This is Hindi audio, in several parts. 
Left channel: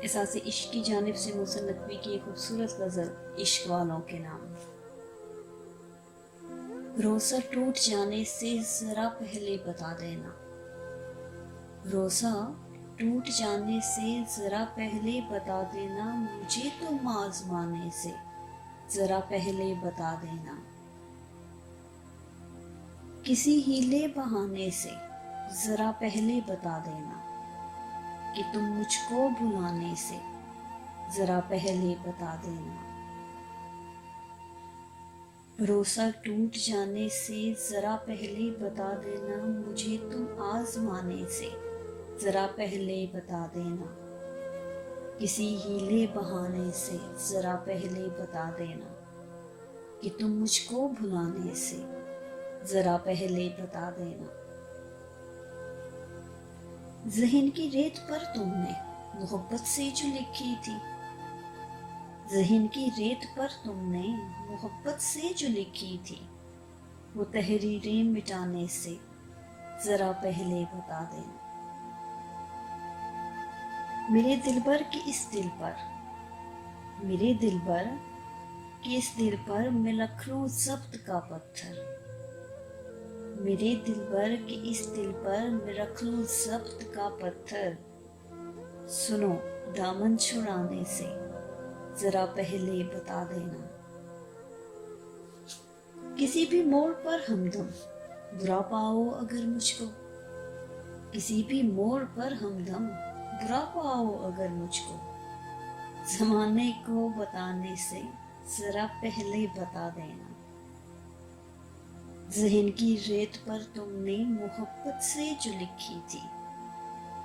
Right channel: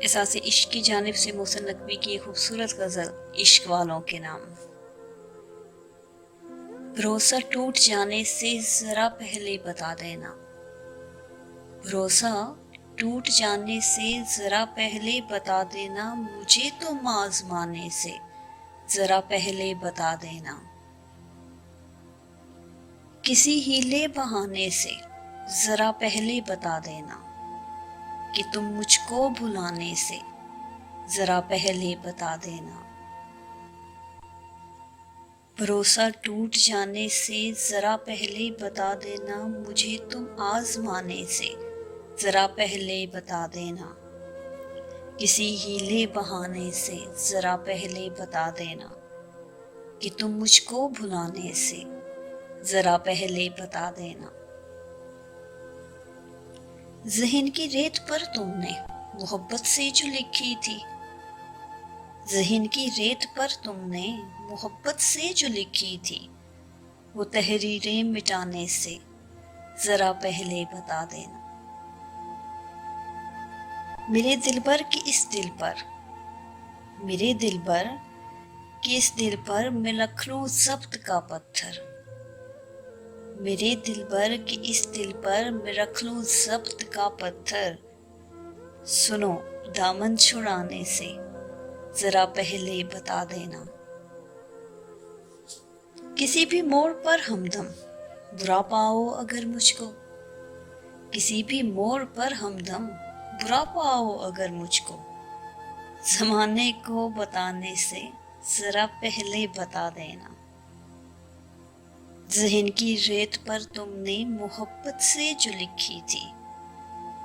एहसास इश्क की जानिब से मोहसिन नकवी की एक खूबसूरत गज़ल इश्क वालों के नाम। भरोसा टूट जाने से ज़रा पहले बता देना, भरोसा टूट जाने से ज़रा पहले बता देना, मुझे तुम आज़माने से ज़रा पहले बता देना। किसी हीले बहाने से ज़रा पहले बता देना कि तुम मुझको भुलाने से ज़रा पहले बता देना। भरोसा टूट जाने से ज़रा पहले बता देना, मुझे तुम आज़माने से ज़रा पहले बता देना। किसी हीले बहाने से ज़रा पहले बता देना कि तुम मुझको भुलाने से ज़रा पहले बता देना। ज़हन की रेत पर तुमने मोहब्बत से जो लिखी थी, ज़हन की रेत पर तुमने मोहब्बत से जो लिखी थी, वो तहरीरें मिटाने से ज़रा पहले बता देना। मेरे दिलबर के इस दिल पर, मेरे दिलबर के इस दिल पर मैं रख लूं ज़ब्त का पत्थर, मेरे दिलबर के इस दिल पर मैं रख लूं ज़ब्त का पत्थर। सुनो दामन छुड़ाने से ज़रा पहले बता देना। किसी भी मोड़ पर हमदम बुरा पाओ अगर मुझको, किसी भी मोड़ पर हमदम बुरा पाओ अगर मुझको, ज़माने को बताने से ज़रा पहले बता देना। ज़हन की रेत पर तुमने मोहब्बत से जो लिखी थी,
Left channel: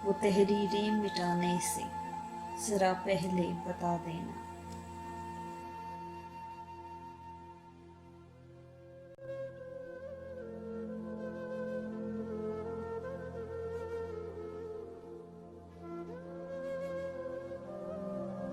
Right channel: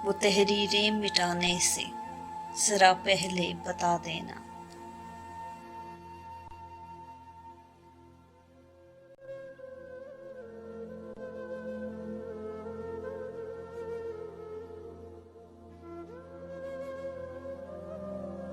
वो तहरीरें मिटाने से ज़रा पहले बता देना।